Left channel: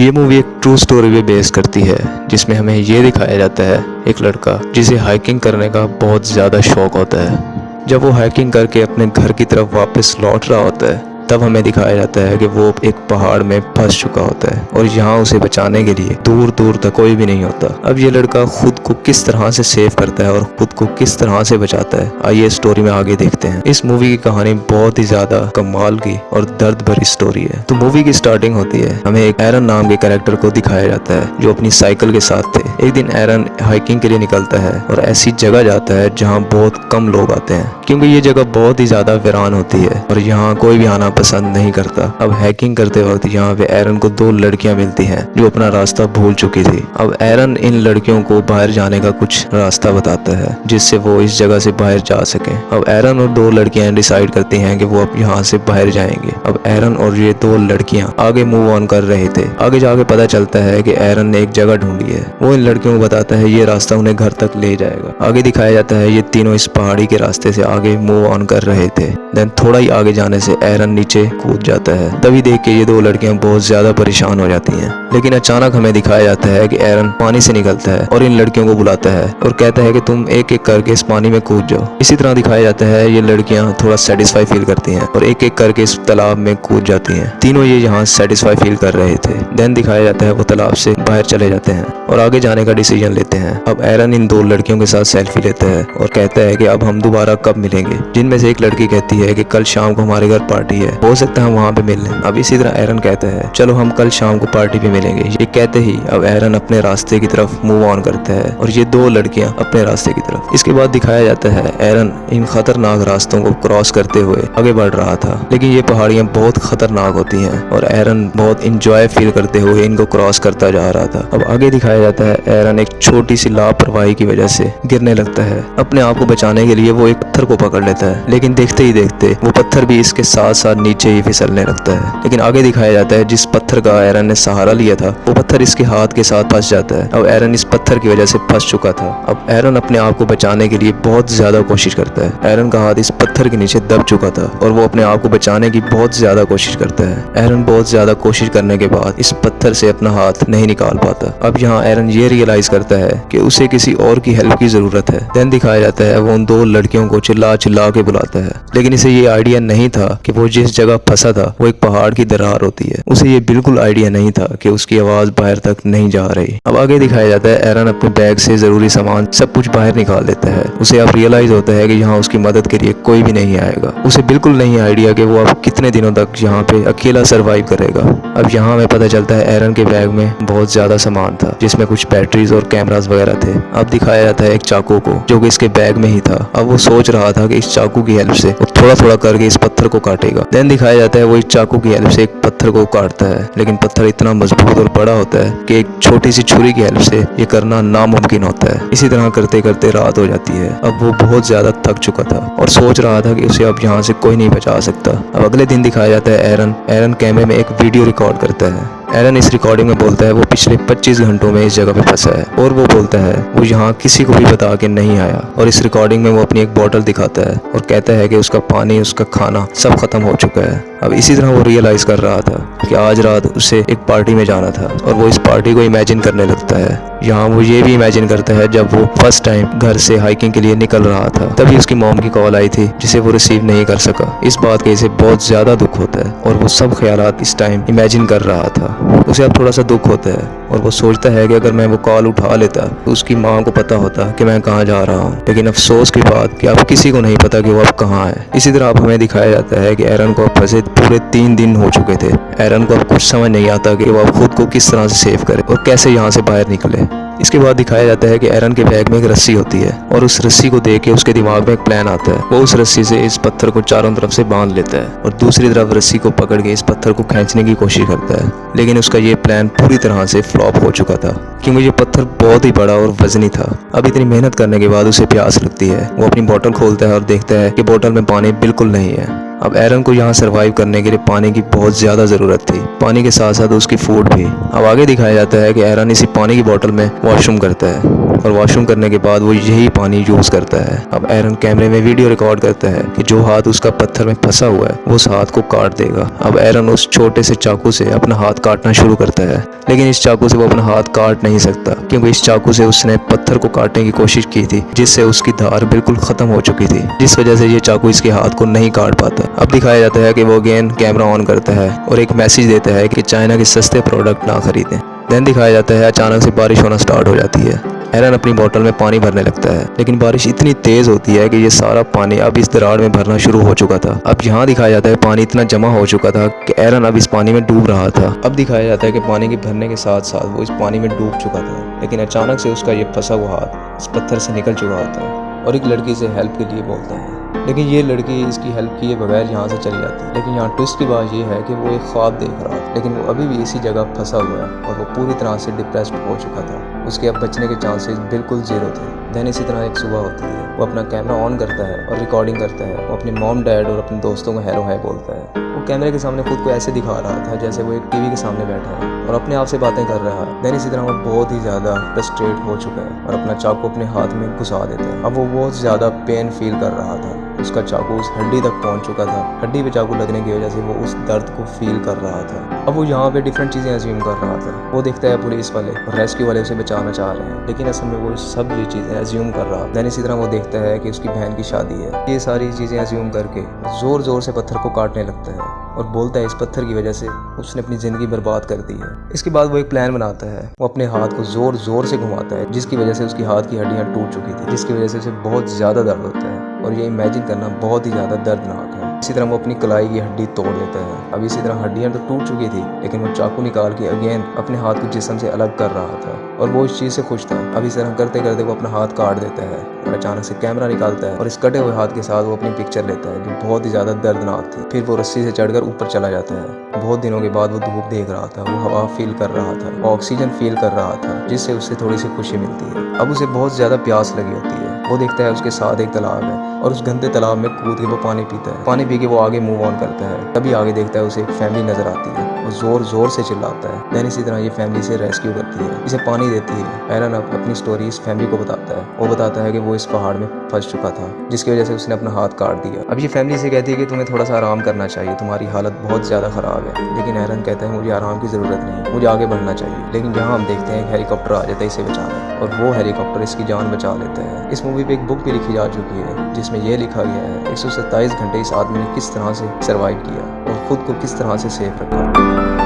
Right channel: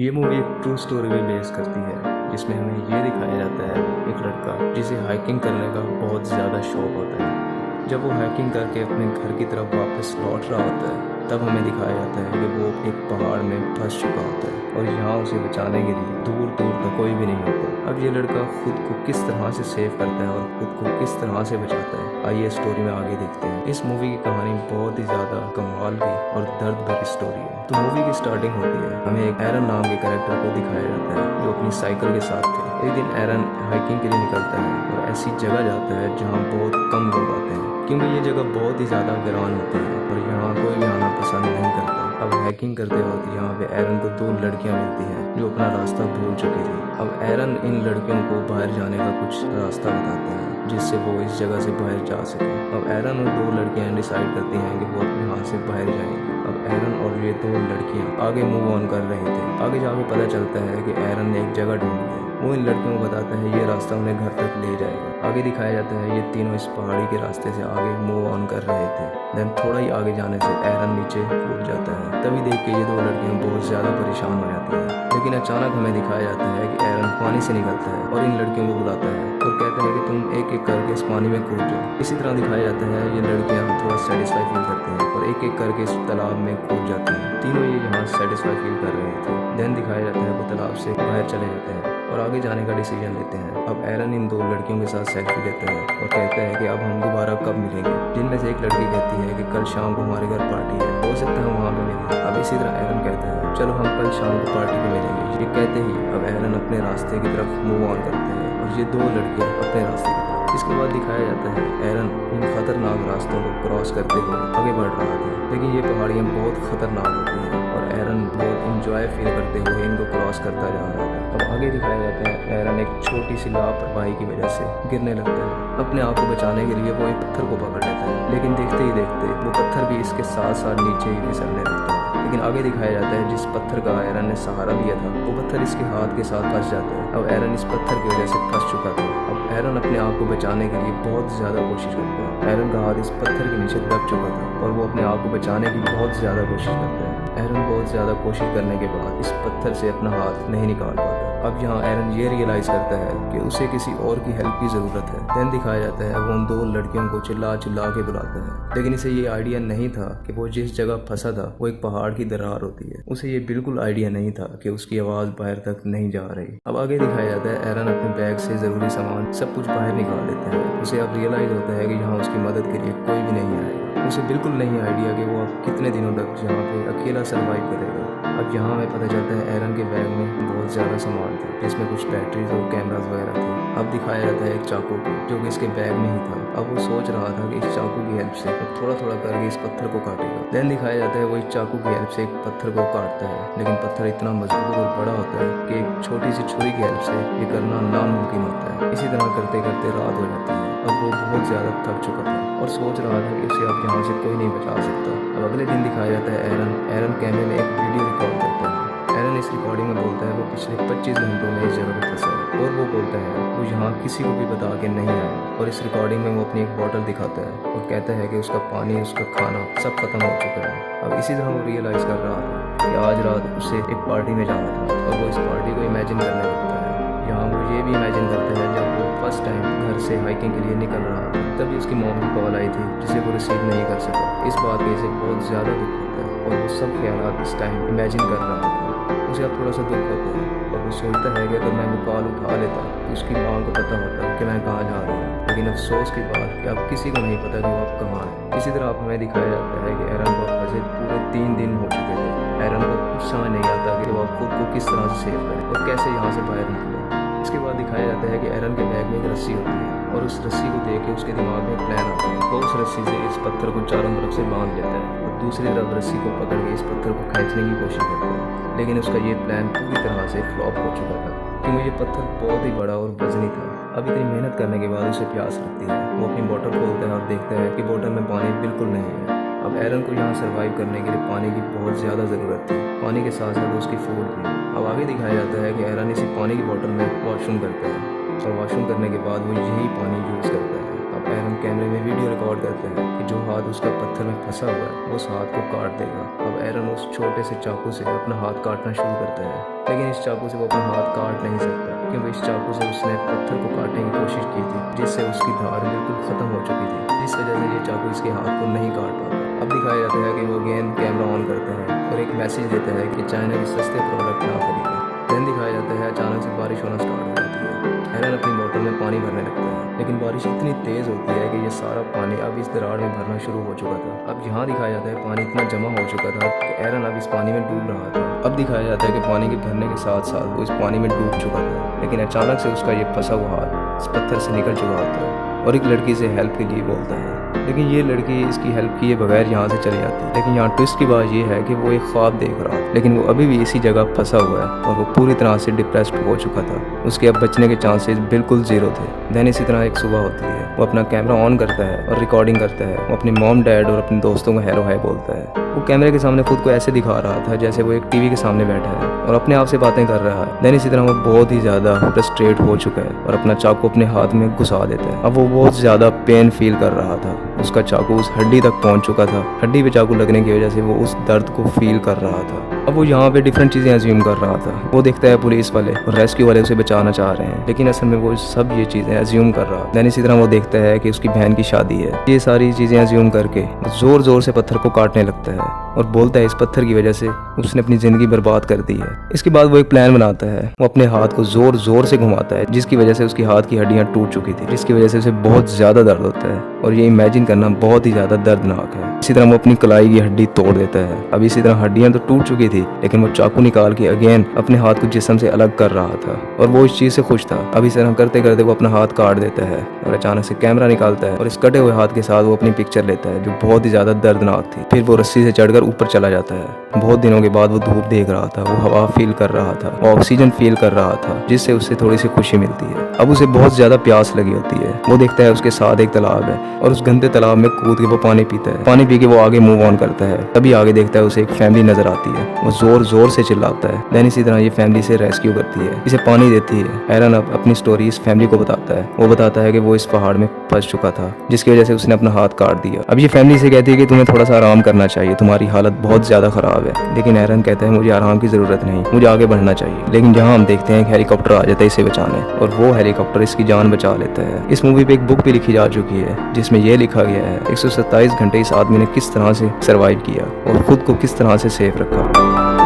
ये मूवी एक true story पे बेस करती है, जिसमें हमें ये दिखाया जाता है एक लड़का जिसे हाइकिंग करने का बहुत ज़्यादा शौक होता है। जब वो हाइकिंग करके अपने घर की तरफ वापस लौट रहा होता है, तब हमें दिखाया जाता है कि वो एक पहाड़ में फंस चुका होता है और यहाँ उसे बचाने के लिए दूर दूर तक कोई भी नहीं होता। अब ये लड़का खुद को किस तरह से सेव करता है और खुद को किस तरह से बचाता है, आइए स्टोरी में आगे देखते हैं। इस मूवी की कहानी बहुत ही ज्यादा कमाल की और दर्द भरी स्टोरी है। तो मूवी की स्टार्टिंग होती है, हमें एक एरन नाम के कैरेक्टर को दिखाया जाता है जो अपनी साइकिल के साथ थे। एक दिन एरन हाइकिंग के लिए निकलता है और ऐसी जगह जाता है जहाँ बहुत कम लोग आते हैं, क्योंकि ये जगह बहुत ही ज्यादा वीरान होती है और यहाँ कोई भी आना पसंद नहीं करता। अब हाइकिंग करते वक्त यहाँ पे एरन को दो लड़कियां मिलती हैं जो अपना रास्ता भूल चुकी थी। अब एरन इन लड़कियों को बाहर जाने का कुछ रास्ता बताता है जिससे वो इस जगह से बाहर जा सके। अब एरन और दो लड़कियां डिसाइड करती हैं कि वो अब यहाँ से बाहर जाएंगे। अब एरन और ये दो लड़कियां आगे मूव ऑन कर रहे थे। आगे जाके पता चलता है कि एरन ने एक जगह ढूंढी है। वो इन लड़कियों को बताता है ये रास्ता उन्हें घर तक ले जाएगा। आगे दिखाया जाता है ये तीनों इस पहाड़ी के रास्ते से आगे मूव ऑन कर रहे थे। देन थोड़ा ही आगे जाने से एरन नीचे कूद जाता है। तभी देख के ये दो लड़कियां बहुत ज्यादा परेशान हो जाती हैं। लेकिन अचानक हमें दिखाया जाता है कि एरन पानी से निकलता है और इन लड़कियों को बुलाता है और कहता है कि तुम एक एक करके इस पानी में कूद जाओ। इसी तरह दिखाया जाता है ये लड़कियां थोड़ा सेटिस्फाई फील करती हैं और एक एक करके इस तालाब में कूद जाती हैं। तीनों ये यहाँ सेटिस्फाई फील कर रहे थे। देन दिखाया जाता है वो तालाब से बाहर चले जाते हैं और आगे जाने का डिसीजन लेते हैं। अब एरन इन दो लड़कियों के साथ सेल्फी लेता है और कहता है कि अब हम दोबारा कब मिलेंगे। जिनमें से एक लड़की कहती है कि कल शाम को हमारे घर पार्टी है, हो सकता है हम वहाँ पे मिल लें। अब इसी तरह एरन कहता है चलो हम कल शाम को पार्टी पे मिलेंगे। ये कहते ही अब एरन अपने रास्ते की तरफ मूव ऑन करता है और ये दो लड़कियां अपने रास्ते की तरफ। इसके बाद दिखाया जाता है एरन इन खतरनाक रास्तों को क्रॉस करते हुए आगे बढ़ रहा था, लेकिन ये पहाड़ियां बहुत खतरनाक होती हैं और एरन बहुत इंजॉय फील करते हुए इनको क्रॉस करता जा रहा था। अब आगे दिखाया जाता है एरन एक छोटी सी लापरवाही की वजह से गिरने लगता है। अपने आप को बचाने के लिए वो एक पत्थर को पकड़ लेता है, लेकिन देखते ही देखते वो पत्थर भी इसके साथ साथ नीचे ही फिसलने लगता है। लेकिन आगे दिखाया जाता है जिस पत्थर का एरन ने सहारा लिया था वो पत्थर इसके हाथ के साथ फंस जाता है। अब एरन इस पत्थर की वजह से फंस चुका था। अब एरन अपने आप को बचाने के लिए बहुत ज्यादा कोशिश करता है। एरन का हाथ इस पत्थर के नीचे दब चुका था और वो अपने आप को बचाने की बहुत ज्यादा कोशिश करता है। एरन बहुत ज्यादा कोशिश करने के बाद इस पत्थर से अपना हाथ नहीं निकाल पाता। अब यहाँ एरन ये रियलाइज करता है कि उसे किसी और की हेल्प की जरूरत है। देन दिखाया जाता है वो उन दो लड़कियों को चिल्ला चिल्ला के बुलाता है, लेकिन इसे ये आइडिया नहीं था कि वो जिस जगह फंसा था वो एक पहाड़ की दरार होती है। उसे ये बिल्कुल आइडिया नहीं था कि उसकी आवाज बाहर तक नहीं जा रही। अब आगे दिखाया जाता है एरन अपने बैग से जरूरी सामान सब कुछ बाहर निकाल देता है। उसे अब रियलाइज होता है कि यहाँ उसकी मदद के लिए कोई भी नहीं आएगा। उसे बिल्कुल नहीं आइडिया कि वो अब कितने दिनों तक यहाँ पे अकेला सरवाइव करेगा। अब यहाँ हमें पता चलता है एरन के बैग में बहुत ज्यादा सामान था, जिसमें कुछ बैटरीज और कैमरास वगैरह थे। अब दिखाया जाता है एक चाकू को जो कि इसके बैग में ही था। अब वो सोच रहा था कि इस चाकू की हेल्प से वो थोड़ा थोड़ा करके इस पत्थर को काटेगा। देन दिखाया जाता है वो एक चाकू की हेल्प से एक पत्थर को काटता है, लेकिन पत्थर इतना मजबूत और बड़ा होता है कि एक छोटी सी छुरी की हेल्प से ये करना नामुमकिन होता है। इसी तरह करते करते रात हो जाती है। अब वो बहुत ज्यादा थक चुका था और सोच रहा था कि उसे अब यहाँ से कोई नहीं बचा सकता। अब अगले दिन दिखाया जाता है एरन कैमरे में एक वीडियो रिकॉर्ड करता है। एरन इस रिकॉर्डिंग में बोलता है वो पिछले 25 घंटों में इस जगह पे फंसा है और वो बोलता है वो यहाँ किसी को भी बता के नहीं आया। और इस रिकॉर्डिंग में वो अपनी एक बोतल दिखाता है और कहता है कि उसका पानी, उसका खाना सब खत्म हो चुका है। अब इसी तरह वो रियलाइज कर रहा था कि आज रात उसे एक पार्टी में जाना था और वो इस पार्टी को इमेजिन करने लगता है। यहाँ वो ये भी इमेजिन करता है जब वो फर्स्ट टाइम घर से हाइकिंग के लिए निकल रहा था, तभी उसकी मॉम की कॉल आई थी जिसे वो रिसीव नहीं कर सका। इस बात के इसे बहुत ज्यादा दुख होता है और वो सब ख्यालात इस टाइम इमेजिन कर रहा था। उसे अब थोड़ा सा दुख होता है और वो सोचता है कि अगर मैं वो कॉल उठा लेता तो उसकी माँ को पता होता कि मैं कहाँ जा रहा हूँ। लेकिन अफसोस की बात कि अब किसी को नहीं पता कि वो अब कहाँ है। इसी तरह अब हमें दिखाया जाता है कि एरन को फंसे पूरे 3 दिन हो चुके थे। एरन को अब कुछ समझ नहीं आता कि वो अब खुद को किस तरह से सेव करे और कैसे यहाँ से बाहर निकले। इसके बाद दिखाया जाता है कि एरन के बैग में एक रस्सी होती है और उस रस्सी को देख के उसके दिमाग में एक प्लान आता है। वो उस रस्सी से इस पत्थर को चारों तरफ से बांध लेता है और दूसरी तरफ रस्सी को पकड़ के इस पत्थर को खींचने की कोशिश करता है। लेकिन उसका ये प्लान पूरी तरह से फ्लॉप हो चुका था क्योंकि ये पत्थर बहुत ही बड़ा और वजनी था। अब इतनी मेहनत करने के बाद उसे प्यास लगती है। वो अपनी बोतल खोलता है और देखता है कि बोतल में पानी बिल्कुल नहीं है। अब एरन को यहाँ सरवाइव करने के लिए पानी की बहुत ज़्यादा ज़रूरत थी, पानी के साथ साथ उसकी फूड भी। अब आगे दिखाया जाता है कि एरन इसी पानी की बोतल में वॉशरूम करता है। और वॉशरूम करने के बाद वो यही पानी यूज़ करता है। अब एरन कैमरे में वीडियो रिकॉर्ड करता है कि जो हाथ उसका पत्थर में फंसा हुआ है वो उस हाथ को काट देगा। अब एरन उस छोटे से चाकू से अपना हाथ काटना शुरू करता है, लेकिन इस चाकू से वो अपना हाथ काट नहीं सकता, क्योंकि इस चाकू से उसने पत्थर को काटने की कोशिश की थी, जिससे उसकी धार बिल्कुल खत्म हो चुकी थी, जिस वजह से ये चाकू इसके हाथ को नहीं काट पाता। अब दिखाया जाता है कि वो अगेन कैमरा ऑन करता है और एक मैसेज देता है कि चाइना के सस्ते प्रोडक्ट ना खरीदें। देन दिखाया जाता है अचानक से बारिश होना स्टार्ट हो जाती है। एरन अपनी बोतल में पानी भरने लगता है, लेकिन बारिश इतनी तेज होती है कि ये सारा पानी अब इस दरार में भरना शुरू हो चुका था। अब यहाँ दिखाया जाता है पानी इतना जमा हो चुका था कि एरन अब इस पानी में डूब रहा था। अब दिखाया जाता है कि पानी के भरने के साथ साथ वो इस पानी में डूब चुका था, लेकिन अचानक से उसका ये फंसा हुआ हाथ इस पत्थर से निकल चुका होता है और एक लड़की से हेल्प के लिए बोलता है, लेकिन ये लड़की इसकी हेल्प किए बगैर यहाँ से चली जाती है। लेकिन यहाँ ट्विस्ट की बात ये है कि वो एक ख्वाब देख रहा था, लेकिन वो अभी भी इसी जगह फंसा हुआ है और वो पूरी तरह से डिप्रेस्ड हो चुका था। उसके अब बचने के चांसेस बिल्कुल ज़ीरो थे। देन इसी तरह एक सुबह होती है, वो अपना कैमरा ऑन करता है और रिकॉर्डिंग करता है। वो अपने मॉम डैड और अपने दोस्तों को हेलो हाय बोलता है। वो कैमरे के सामने खुद को ऐसे दिखा रहा था जैसे वो एक टीवी के सामने बैठा है और अपने आप से बातें कर रहा है। देन इसी तरह वो बहुत ही ज़्यादा फ्रस्ट्रेट हो चुका है और अपना चाकू अपने हाथ में घुसा देता है। अब वो बहुत ज़्यादा पेन फील कर रहा था। उसका चाकू उस हड्डी तक पहुंच चुका था। हड्डी पे चाकू लगने की वजह से वो उस दर्द को फील कर रहा था। अब वो यहाँ पे डिफरेंट चीज़ें अज्यूम कर रहा था। वो देखता है पुलिस वाले और रेस्क्यू वाले उसे बचाना चाह रहे हैं, लेकिन असल में वो सब ये चीज़ें अज्यूम कर रहा है। देन इसी तरह वो देखता है कि उसकी बहन की शादी है। ये सारी चीज़ें अज्यूम करके ज़ोर ज़ोर से पत्थर को काटने लगता है और बोलता है इस पत्थर की वजह से उसने अपनी ज़िंदगी बर्बाद कर दी है। इसके बाद वो एक प्लान बनाता है। वो अपने हाथ को ज़ोर ज़ोर से घुमाता है, जिसकी वजह से उसकी हाथ की हड्डियाँ टूट चुकी थी, जिसकी वजह से उसे बहुत ज़्यादा दर्द होता है और ये इमेजिन करना बहुत ही ज़्यादा दर्दनाक है। इसी तरह वो अपनी कलाई की हड्डी तोड़ देता है। अब इसी तरह हड्डियां तो टूट चुकी थी, लेकिन वो चाकू निकाल के अगेन अपने हाथ को जिस्म से अलग कर रहा था और वो इस चीज़ से खुश था। अब इस तरह करते करते वो अपना हाथ काट देता है और अचानक से कैमरा निकालता है और इस कटे हुए हाथ के साथ वो अपनी पिक्चर लेता है, जो बहुत ही ज़्यादा दर्दनाक थी। फिर वो रस्सी से चढ़कर ऊपर चला जाता है। बहुत दिनों के बाद वो धूप देख रहा था, वो हवा फील कर रहा था, वो ऑक्सीजन फील कर रहा था, जिससे उससे थोड़ी सी खुशी मिलती है। अब उसे बहुत ज़्यादा प्यास लगी होती है। वो देखता है उसके साथ एक तालाब है और उस गंदे तालाब में कूद के वो पानी पीता है। पानी पी के वो आगे मूव ऑन करता है। तभी आगे देखता है उसे एक फैमिली नजर आती है। वो जोर जोर से चिल्लाता है। देन इसी तरह ये फैमिली से रेस्क्यू करती है, इसे पानी देती है। एरन अब अपनी स्टोरी इस फैमिली को बताता है। वो बताता है कि वो इस पहाड़ में फंस चुका था, जिसकी वजह से उसने अपना हाथ काट दिया। अब ये फैमिली से कहती है कि तुम्हें थोड़ा सा आराम करना चाहिए, तुम्हारी हालत बहुत ज्यादा खराब है। लेकिन एरन कहता है मुझे आराम की जरूरत नहीं, मुझे आगे बढ़ना चाहिए। लेकिन जहाँ हम देखते हैं कि हेलीकॉप्टर आ जाता है इसे बचाने और वो हेलीकॉप्टर इसकी जान बचा लेता है। इस मूवी पे एक बुक भी लिखी जा चुकी है, जिसमें यह लिखा गया है 127 घंटे इस आदमी ने किस तरह से सरवाइव किया और खुद को किस तरह से सेफ रखा।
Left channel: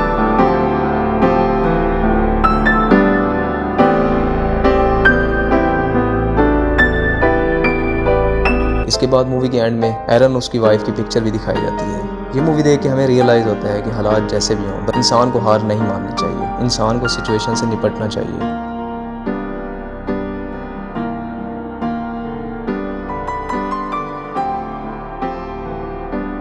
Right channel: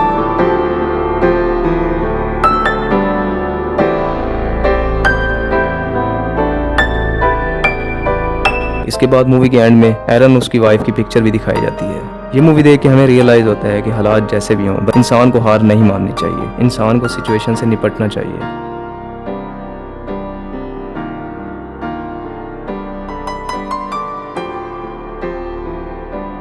इसके बाद मूवी के एंड में एरन उसकी वाइफ की पिक्चर भी दिखाई जाती है। ये मूवी देख के हमें रियलाइज होता है कि हालात जैसे भी हों, इंसान को हार नहीं माननी चाहिए, इंसान को सिचुएशन से निपटना चाहिए।